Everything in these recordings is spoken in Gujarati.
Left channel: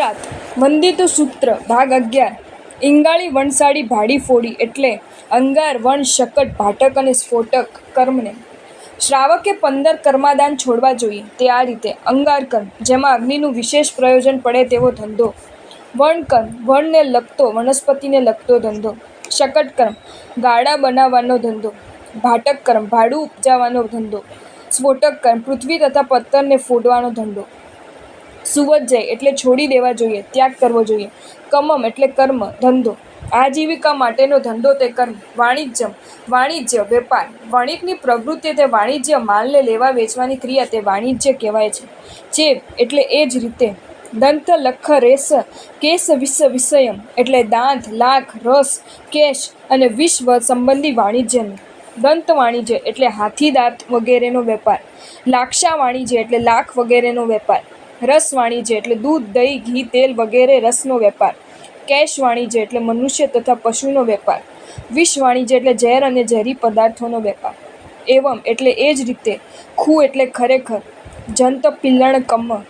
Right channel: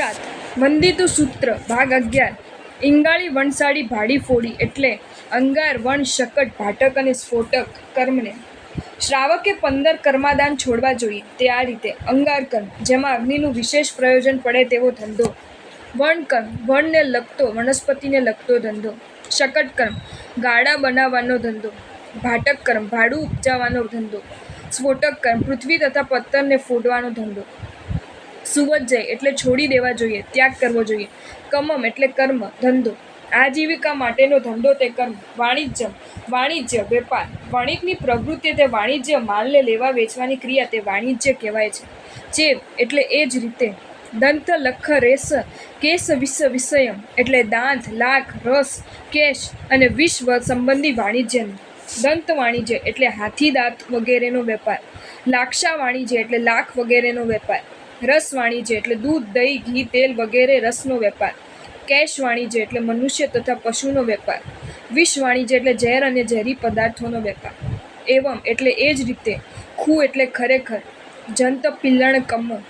ગુજરાત વંદિતું સૂત્ર ભાગ 11 ઇંગાળી વણસાળી ભાડી ફોડી એટલે અંગાર વણ શકટ ભાટક અને સ્ફોટક કર્મને શ્રાવકે 15 કર્માદાન છોડવા જોઈએ તે આ રીતે: અંગાર કર્મ, જેમાં અગ્નિનું વિશેષ પ્રયોજન પડે તેવો ધંધો. વણ કર્મ, વણને લગતો વનસ્પતિને લગતો ધંધો. શકટ કર્મ, ગાડા બનાવવાનો ધંધો. ભાટક કર્મ, ભાડું ઉપજાવવાનો ધંધો. સ્ફોટક કર્મ, પૃથ્વી તથા પત્થરને ફોડવાનો ધંધો. સુવજ્જય એટલે છોડી દેવા જોઈએ, ત્યાગ કરવો જોઈએ. કમમ એટલે કર્મ, ધંધો. આજીવિકા માટેનો ધંધો તે કર્મ. વાણિજ્યમ, વાણિજ્ય, વેપાર. વણિકની પ્રવૃત્તિ તે વાણિજ્ય, માલને લેવા વેચવાની ક્રિયા તે વાણિજ્ય કહેવાય છે. ચેવ એટલે એ જ રીતે. દંત લખ રેસ કેસ વિષ વિષયમ એટલે દાંત, લાખ, રસ, કેશ અને વિષ સંબંધી વાણિજ્યનું. દંત વાણિજ્ય એટલે હાથી દાંત વગેરેનો વેપાર. લાક્ષા વાણિજ્ય એટલે લાખ વગેરેનો વેપાર. રસ વાણિજ્ય એટલે દૂધ, દહીં, ઘી, તેલ વગેરે રસનો વેપાર. કેશ વાણિજ્ય એટલે મનુષ્ય તથા પશુનો વેપાર. વિષ વાણિજ્ય એટલે ઝેર અને ઝેરી પદાર્થોનો વેપાર. એવમ એટલે એ જ રીતે. ખુ એટલે ખરેખર. જંત પિલ્લણ કમ્મ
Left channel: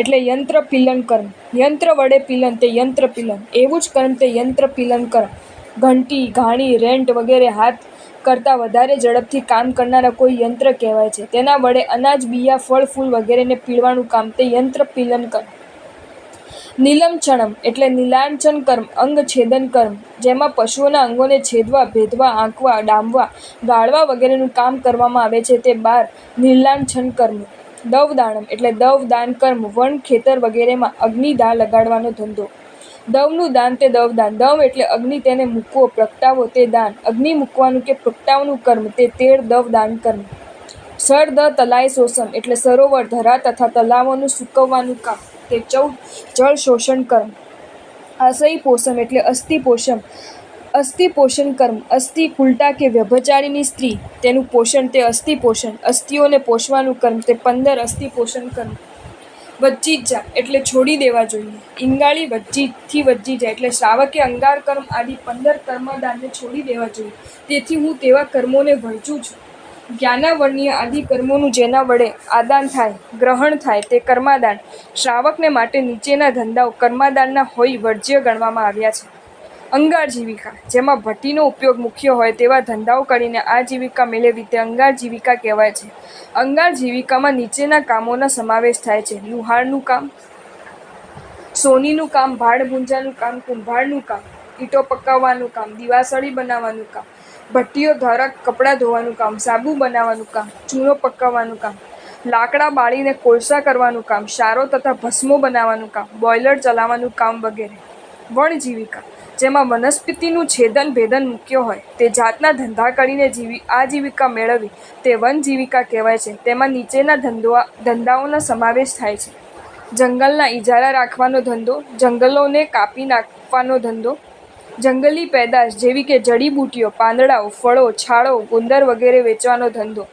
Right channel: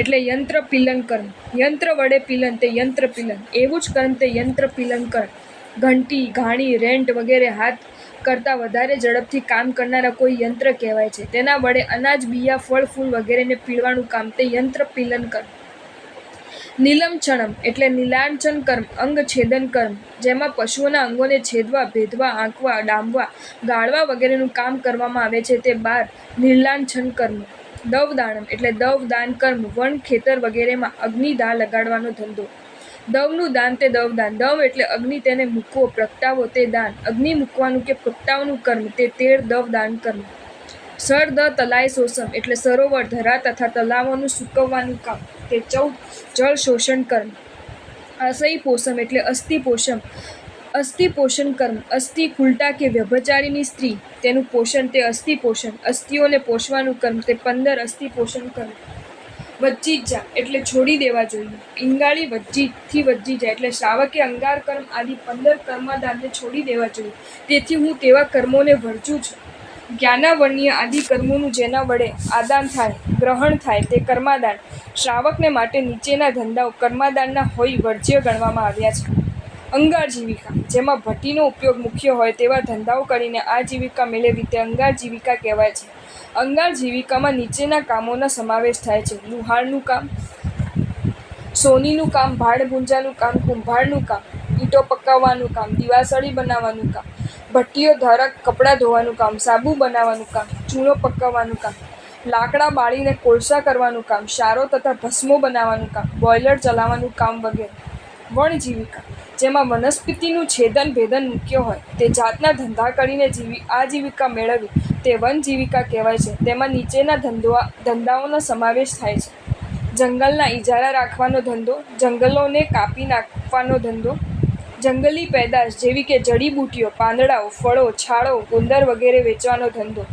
એટલે યંત્ર પિલન કર્મ. યંત્ર વડે પિલન તે યંત્ર પિલન. એવું જ કર્મ તે યંત્ર પિલન કર્મ. ઘંટી, ઘાણી, રેંટ વગેરે હાથ કરતાં વધારે ઝડપથી કામ કરનારા કોઈ યંત્ર કહેવાય છે. તેના વડે અનાજ, બિયા, ફળ, ફૂલ વગેરેને પીળવાનું કામ તે યંત્ર પિલન કર્મ. નીલમછણમ એટલે નીલાંચન કર્મ, અંગ છેદન કર્મ, જેમાં પશુઓના અંગોને છેદવા, ભેદવા, આંકવા, ડામવા, ગાળવા વગેરેનું કામ કરવામાં આવે છે તે 12 નીલાંછન કર્મ. દવદાણમ એટલે દવ દાન કર્મ, વન, ખેતર વગેરેમાં અગ્નિ દાહ લગાડવાનો ધંધો. દવનું દાન તે દવદાન. દવ એટલે અગ્નિ, તેને મૂકવો, પ્રગટાવવો તે દાન. અગ્નિ મૂકવાનું કે પ્રગટાવવાનું કર્મ તે 13 દવ દાન કર્મ. સર દ તલાય શોષમ એટલે સરોવર, ધરા તથા તલાવોનું સૂકવવાનું કામ તે 14 જળ શોષણ કર્મ. અસહી પોષમ એટલે અસ્થિ પોષમ, અસ્થિ પોષણ કર્મ. અસ્થિ, કુલટા કે વ્યભચારીની સ્ત્રી, તેનું પોષણ તે અસ્થિ પોષણ. અસ્થિઓને પોષવાનું કર્મ તે 15 અસ્થિ પોષણ કર્મ. વજ્જિજા એટલે છોડી દેવા જોઈએ. ઇંગાળી વજ્જિથી વજ્જિજા એટલે શ્રાવકે અંગાર કર્મ આદિ 15 કર્માદાનને છોડી દેવા જોઈએ. તેથી હું તેવા કર્મોને વર્જું છું. જ્ઞાનાવર્ણ્ય આદિ કર્મોનું જેના વડે આદાન થાય, ગ્રહણ થાય તે કર્માદાન શ્રાવકને માટે નીચેના ધંધાઓ કર્માદાનના હોઈ વર્જ્ય ગણવામાં આવ્યા છે. અંગાર જીવિકા, જેમાં ભઠ્ઠીનો ઉપયોગ મુખ્ય હોય તેવા ધંધાઓ કરીને આજીવિકા મેળવવી તે અંગાર જીવિકા કહેવાય છે. અંગાર જીવિકામાં નીચેના કામોનો સમાવેશ થાય છે: લુહારનું કામ, સોનીનું કામ, ભાડ ભૂંજાનું કામ, કુંભારનું કામ, ઈંટો પકાવવાનું કામ, દીવાસળી બનાવવાનું કામ, ભઠ્ઠીઓ દ્વારા કપડાં ધોવાનું કામ, સાબુ બનાવવાનું કામ, ચૂનો પકાવવાનું કામ, લાકડા બાળીને કોલસા કરવાનું કામ, સારો તથા ભસ્મો બનાવવાનું કામ, બોઇલર ચલાવવાનું કામ વગેરે. વણ જીવિકા, જેમાં વનસ્પતિનું છેદન ભેદન મુખ્ય હોય તે જાતના ધંધા કરીને આજીવિકા મેળવવી તે વન જીવિકા કહેવાય છે. તેમાં નીચેના ધંધાઓનો સમાવેશ થાય છે: જંગલના ઇજારા રાખવાનો ધંધો, જંગલોને કાપી નાખવાનો ધંધો, જંગલી પેદાશ જેવી કે જડીબુટ્ટીઓ, પાંદડાઓ, ફળો, છાળો, ગુંદર વગેરે વેચવાનો ધંધો,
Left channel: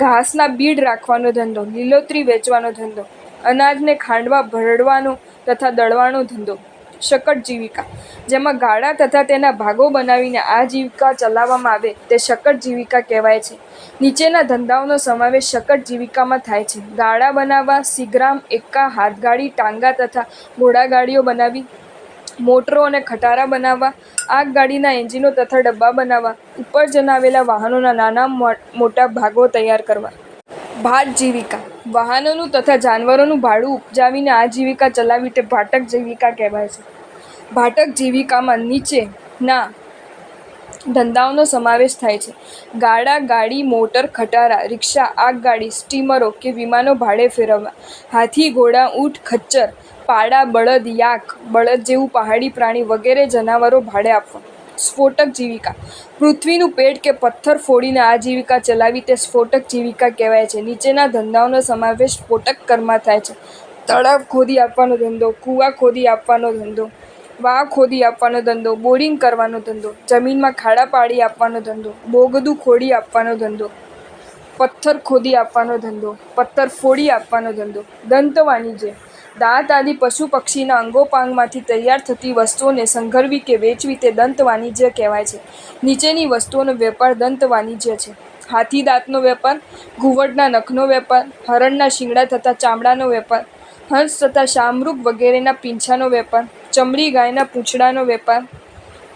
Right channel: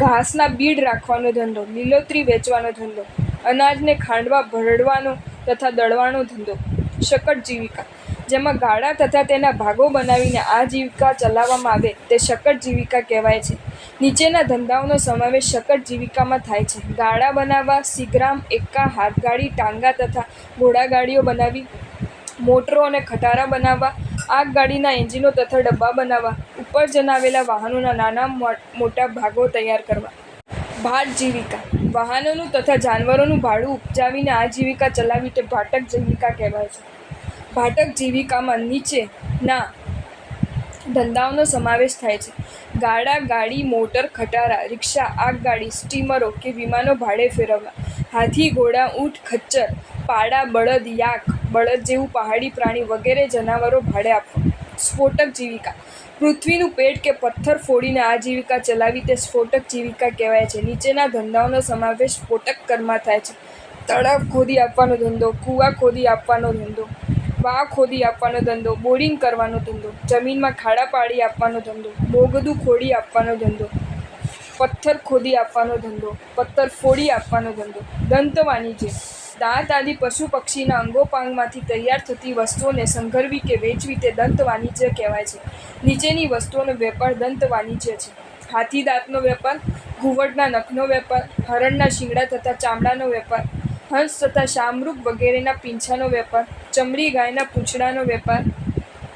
ઘાસના બીડ રાખવાનો ધંધો, લીલોતરી વેચવાનો ધંધો, અનાજને ખાંડવા, ભરડવાનો તથા દળવાનો ધંધો. શકટ જીવિકા, જેમાં ગાડા તથા તેના ભાગો બનાવીને આજીવિકા ચલાવવામાં આવે તે શકટ જીવિકા કહેવાય છે. નીચેના ધંધાઓનો સમાવેશ શકટ જીવિકામાં થાય છે: ગાડા બનાવવા, સીગ્રામ, એક્કા, હાથગાડી, ટાંગા તથા ઘોડાગાડીઓ બનાવવી, મોટરો અને ખટારા બનાવવા, આગગાડીના એન્જિનો તથા ડબ્બા બનાવવા, ઉપર જણાવેલા વાહનોના નાના મોટા ભાગો તૈયાર કરવા. ભાટ જીવિકા, વાહનોનું તથા જાનવરોનું ભાડું ઉપજાવીને આજીવિકા ચલાવવી તે ભાટક જીવિકા કહેવાય છે. ભાટક જીવિકામાં નીચેના ધંધાઓનો સમાવેશ થાય છે: ગાડા, ગાડી, મોટર, ખટારા, રિક્ષા, આગગાડી, સ્ટીમરો કે વિમાનો ભાડે ફેરવવા, હાથી, ઘોડા, ઊંટ, ખચ્ચર, પાડા, બળદ, યાક, બળદ જેવું પહાડી પ્રાણી વગેરે જનાવરો ભાડે આપવા. સ્ફોટક જીવિકા, પૃથ્વીનું પેટ કે પથ્થર ફોડીને આજીવિકા ચલાવવી તે સ્ફોટક જીવિકા કહેવાય છે. નીચેના ધંધાઓનો સમાવેશ સ્ફોટક કર્મમાં થાય છે: તળાવ ખોદી આપવાનો ધંધો, કૂવા ખોદી આપવાનો ધંધો, વાવ ખોદી આપવાનો ધંધો, બોરિંગ કરવાનો ધંધો, જમીનમાં ખાડા પાડી આપવાનો ધંધો, બોગદું ખોદી આપવાનો ધંધો, પથ્થર ખોદી આપવાનો ધંધો, પથ્થર ફોડી આપવાનો ધંધો. દંત વાણિજ્ય, દાંત આદિ પશુ પક્ષીના અંગોપાંગમાંથી તૈયાર થતી વસ્તુઓને સંઘરવી કે વેચવી તે દંત વાણિજ્ય કહેવાય છે. નીચેની વસ્તુઓનો વેપાર દંત વાણિજ્ય છે: હાથી દાંતનો વેપાર, ઘુવડના નખનો વેપાર, હરણના શિંગડા તથા ચામડાનો વેપાર, હંસ તથા શામરૂખ વગેરેના પીંછાનો વેપાર, ચમડી ગાયના પૂંછડાનો વેપાર,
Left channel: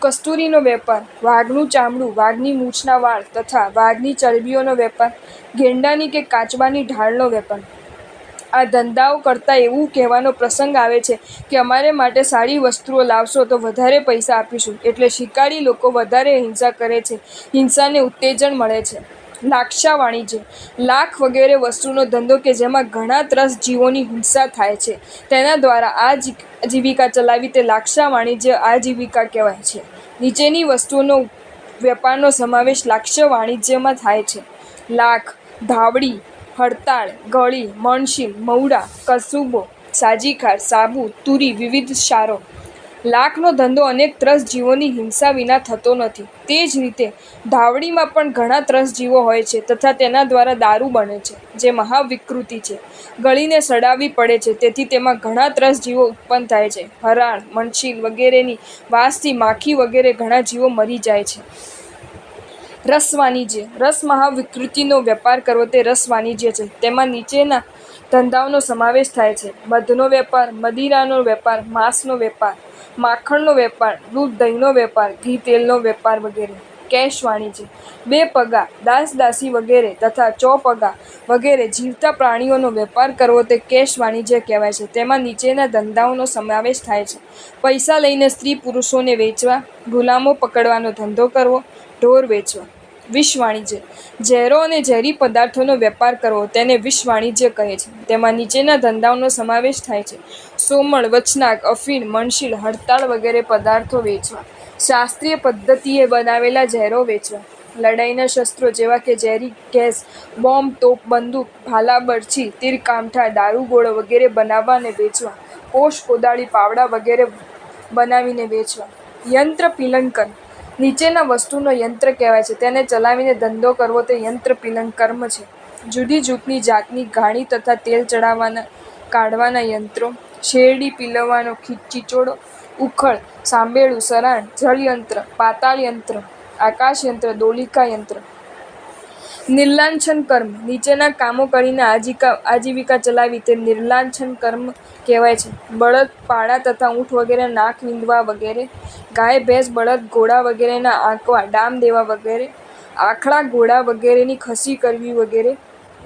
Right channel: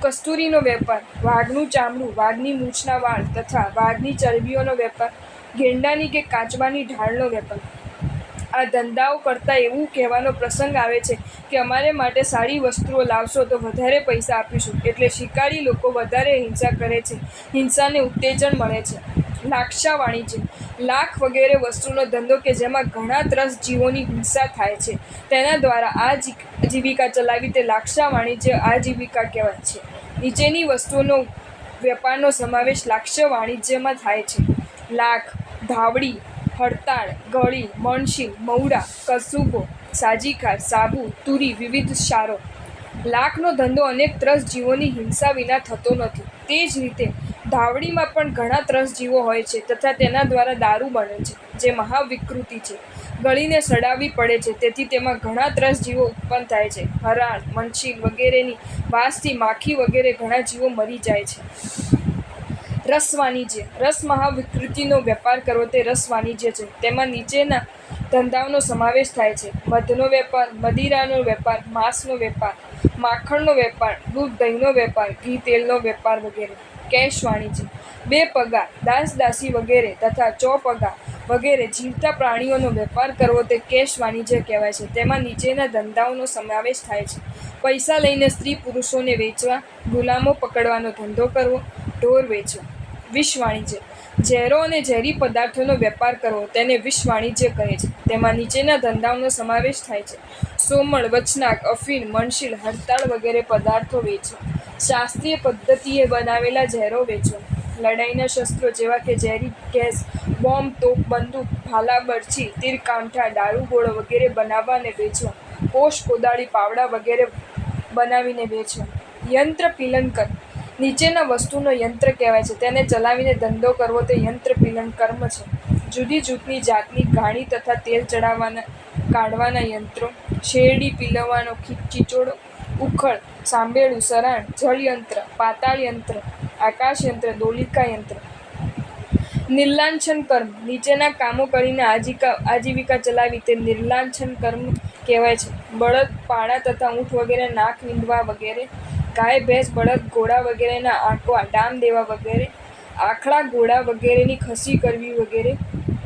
કસ્તુરીનો વેપાર, વાઘનું ચામડું, વાઘની મૂછના વાળ તથા વાઘની ચરબીઓનો વેપાર, ગેંડાની કે કાચબાની ઢાળનો વેપાર. આ ધંધાઓ કરતાં એવું કહેવાનો પ્રસંગ આવે છે કે અમારે માટે સારી વસ્તુઓ લાવશો તો વધારે પૈસા આપીશું. એટલે શિકારી લોકો વધારે હિંસા કરે છે. હિંસાને ઉત્તેજન મળે છે. લાક્ષા વાણિજ્ય. લાખ વગેરે વસ્તુનો ધંધો કે જેમાં ઘણા ત્રસ્ત જીવોની હિંસા થાય છે તેના દ્વારા આજીવિકા ચલાવી તે લાક્ષા વાણિજ્ય આજીવિકા કહેવાય છે. નીચેની વસ્તુઓનો વેપારનો સમાવેશ લાક્ષા વાણિજ્યમાં થાય છે: લાખ, ધાવડી, હડતાળ, ગળી, મણશીલ, મવડા, કસુબો, સાજીખાર, સાબુ, તુરી, વિવિધ સારો. લાખનો ધંધો અનેક ત્રસ્ત જીવોની હિંસા વિના થતો નથી. તે જ રીતે ધાવડીમાં પણ ઘણા ત્રસ્ત જીવો હોય છે તથા તેના દ્વારા દારૂ બને છે, જે મહાવિકૃતિ છે. ગળીને સડાવવી પડે છે, તેથી તેમાં ઘણા ત્રસ્ત જીવો ઉત્પન્ન થાય છે. હરાળ, મણશીલ વગેરેની વાસથી માખી વગેરે ઘણા જીવો મરી જાય છે. રસ વાણિજ્ય. રસ મહાવિકૃતિનો વેપાર કરવો તે રસ વાણિજ્ય છે. તેમાં નીચેના ધંધાઓનો સમાવેશ થાય છે: મધનો વેપાર, મદિરાનો વેપાર, માંસનો વેપાર, માખણનો વેપાર, દૂધ દહીંનો વેપાર, ઘી તેલનો વેપાર વગેરે. કેશ વાણિજ્ય. બે પગા, દાસ દાસી વગેરે તથા ચોપગા વગેરે જીવતા પ્રાણીઓનો વેપાર કરવો તે કેશ વાણિજ્ય કહેવાય છે. તેમાં નીચેના ધંધાઓનો સમાવેશ થાય છે: પૈસા લઈને સ્ત્રી પુરુષોને વેચવા, ગુલામો પકડવાનો ધંધો કરવો, ઢોર વેચવા. વિષ વાણિજ્ય. ઝેરો અને ઝેરી પદાર્થોનો વેપાર કરવો તેને વિષ વાણિજ્ય કહે છે. તેમાં નીચેના ધંધાઓનો સમાવેશ થાય છે: સોમળ, વચનાક, અફીણ, મણશીલ, હડતાળ વગેરે પદાર્થો વેચવા. શાસ્ત્રીય પદ્ધતિએ બનાવેલા ઝેરો વેચવા. લડાઈના શસ્ત્રો જેવા કે ઝેરી ગેસ, બોમ્બ, તોપ, બંદૂક, ભાલા, બરછી, તીર, કામઠા, દારૂગોળો વગેરે બનાવવા અને વેચવા. કોષ, કોદાળી, પાવડા વગેરે બનાવીને વેચવા. યંત્ર પીલન કર્મ. નીચેના વસ્તુનો યંત્ર કહેવાય છે તેને ચલાવીને ધંધો કરવો તે યંત્ર પીલન કર્મ છે: જુદી જુદી જાતની ઘાણી તથા તેલ કાઢવાના યંત્રો, શેરડી પીલવવાનો ચીચોડો, ઉખળ, સાંભેળું, સરાણ, જળયંત્ર, પાતાળ યંત્ર, આકાશયંત્ર, દોલિકા યંત્ર. નિર્લાંછન કર્મ. નીચેના કામો કરીને આજીવિકા ચલાવી તે નિર્લાંછન કર્મ કહેવાય છે: બળદ, પાડા તથા ઊંટ વગેરે નાક વીંધવા વગેરે, ગાય, ભેંસ, બળદ, ઘોડા વગેરેના આંકવા, ડામ દેવા વગેરે, આખલા, ઘોડા વગેરેની ખસી કરવી વગેરે,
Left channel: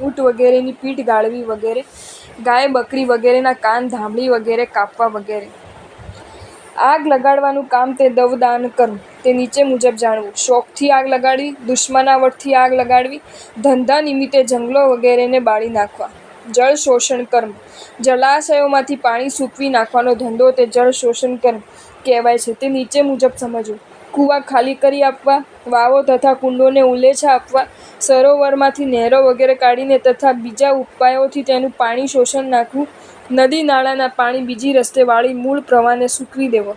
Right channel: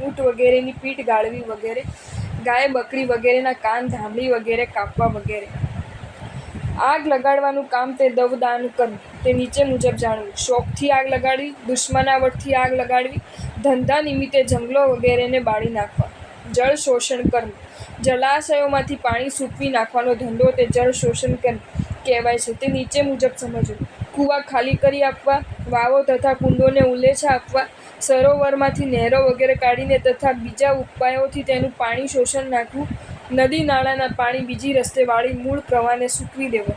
ઊંટ વગેરેની પીઠ ગાળવી વગેરે, ગાય, બકરી વગેરેના કાન, ધામડી વગેરે કાપવા વગેરે. આગ લગાડવાનું કામ તે દવદાન કર્મ. તે નીચે મુજબ જાણવું: શોખથી આગ લગાડવી, દુશ્મનાવટથી આગ લગાડવી, ધંધા નિમિત્તે જંગલો વગેરેને બાળી નાખવા. જળ શોષણ કર્મ. જળાશયોમાંથી પાણી સૂકવી નાખવાનો ધંધો તે જળ શોષણ કર્મ કહેવાય છે. તે નીચે મુજબ સમજવું: કૂવા ખાલી કરી આપવા, વાવો તથા કુંડોને ઉલેચા આપવા, સરોવરમાંથી નહેરો વગેરે કાઢીને તથા બીજા ઉપાયોથી તેનું પાણી શોષણ નાખવું, નદી નાળાના પાણી બીજી રસ્તે વાળી મૂળ પ્રવાહને સૂકવી દેવો.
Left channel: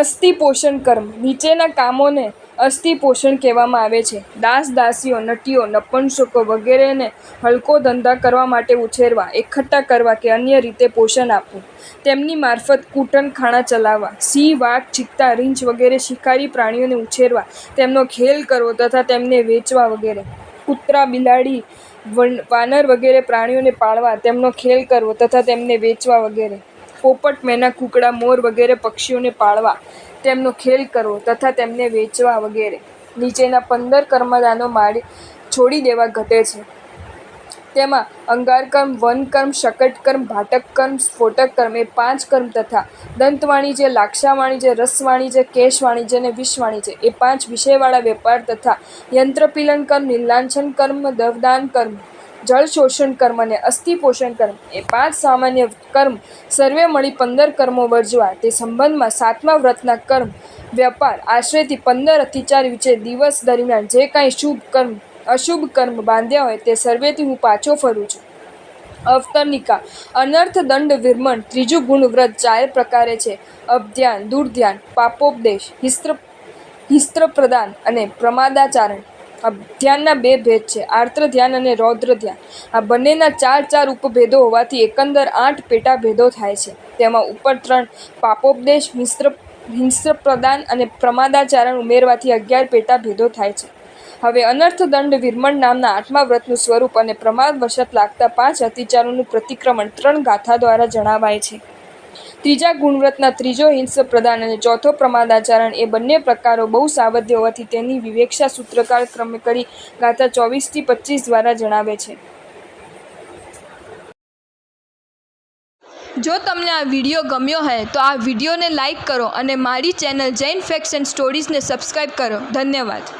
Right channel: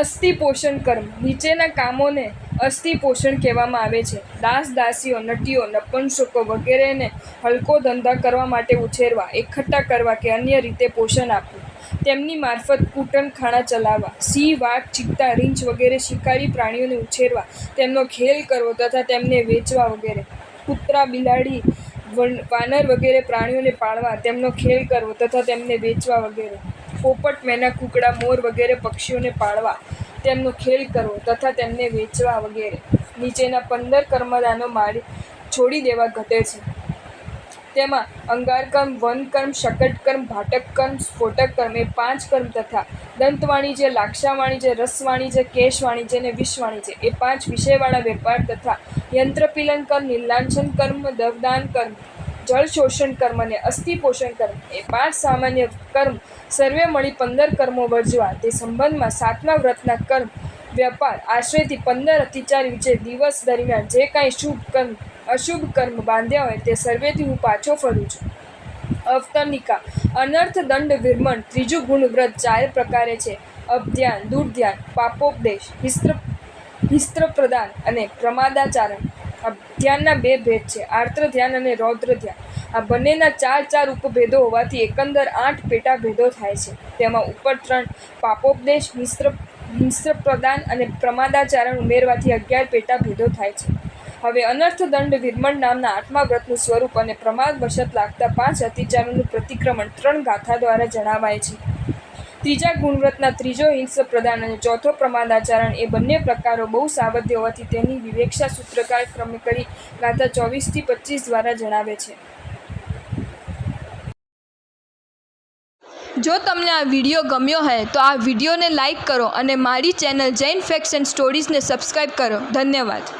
અસ્થિ પોષણ કર્મ. નીચેના કામોને અસ્થિ પોષણ કહેવામાં આવે છે: દાસ દાસીઓ, નટીઓ, નપુંસકો વગેરેને હલકો ધંધા કરવા માટે ઉછેરવા, એકઠા કરવા કે અન્ય રીતે પોષણ આપવું. તેમની મારફત કૂટણખાણા ચલાવવા. સિંહ, વાઘ, ચિત્તા, રીંછ વગેરે શિકારી પ્રાણીઓને ઉછેરવા, તેમનો ખેલ કરવો તથા તેમને વેચવા વગેરે. કૂતરા, બિલાડી, વાનર વગેરે પ્રાણીઓને પાળવા, તેમનો ખેલ કરવો તથા તેમને વેચવા વગેરે. પોપટ, મેના, કૂકડા, મોર વગેરે પક્ષીઓને પાળવા, તેમનો ખેલ કરવો તથા તેમને વેચવા વગેરે. નીચેના 15 કર્મદાનો છોડી દેવા ઘટે છે. તેમાં અંગારકર્મ, વનકર્મ, શકટકર્મ, ભાટકકર્મ, સ્ફોટકકર્મ એ 5 કર્મ તથા દંત વાણિજ્ય, લાક્ષા વાણિજ્ય, રસ વાણિજ્ય, કેશ વાણિજ્ય અને વિષ વાણિજ્ય એ 5 વિષયવાળા વેપાર તથા યંત્રપીલન કર્મ, નિર્લાંછન કર્મ, દવદાન કર્મ, જળ શોષણ કર્મ અને અસ્થિ પોષણ કર્મ એ 5 સામાન્ય કર્મ સર્વે મળી 15 કર્મો વર્જવા. તે સંબંધમાં 7મા વ્રતના કર્મ વેપાર આશ્રયથી 15 અતિચાર વિશે દિવસ દરમિયાન જે કાંઈ શુભ કર્મ અશુભ કર્મ બાંધ્યા હોય તે સર્વેથી હું પાછો ફરું છું. અવતરણિકા. અનર્થ, દંડ, વિરમણ. ત્રીજું ગુણ વ્રત 4 પ્રકારે છે: અપધ્યાન, દુર્ધ્યાન, પાપોપદેશ, હિસ્ત્ર પ્રદાન અને પ્રમાદાચરણ. અપધ્યાનના 2 ભેદ છે: આર્ત્ર ધ્યાન અને રૌદ્ર ધ્યાન. આ બંનેના 4 ઉપભેદો હોવાથી એકંદર 8 પેટા ભેદો થાય છે. તેમાં ઉપર 3 પાપોપદેશ, હિસ્ત્ર પ્રદાન અને પ્રમાદાચરણ ઉમેરવાથી 11 પેટા ભેદો થાય છે. હવે અનર્થ દંડ વિરમણ નામના 8મા વ્રતનું સ્વરૂપ અને પ્રમાદવશત લાગતા 5 અતિચારોનું પ્રતિક્રમણ 3 ગાથા દ્વારા જણાવાય છે. ત્રીજા ગુણવ્રતના ત્રીજો હિંસ પ્રદાન અને ચોથો પ્રમાદાચરણ એ બંને પ્રકારો બહુ સાવધ હોવાથી તેની વિવેક્ષા સૂત્રકાર ક્રમે કરી ગાથા 24-25 દ્વારા જણાવે છે. જો તમને આ વિડીયો ગમ્યો હોય તો આ વિડીયોને લાઈક કરો અને મારી ચેનલ જૈન ફેક્ટ્સ એન્ડ સ્ટોરીઝને સબસ્ક્રાઈબ કરો. ધન્યવાદ.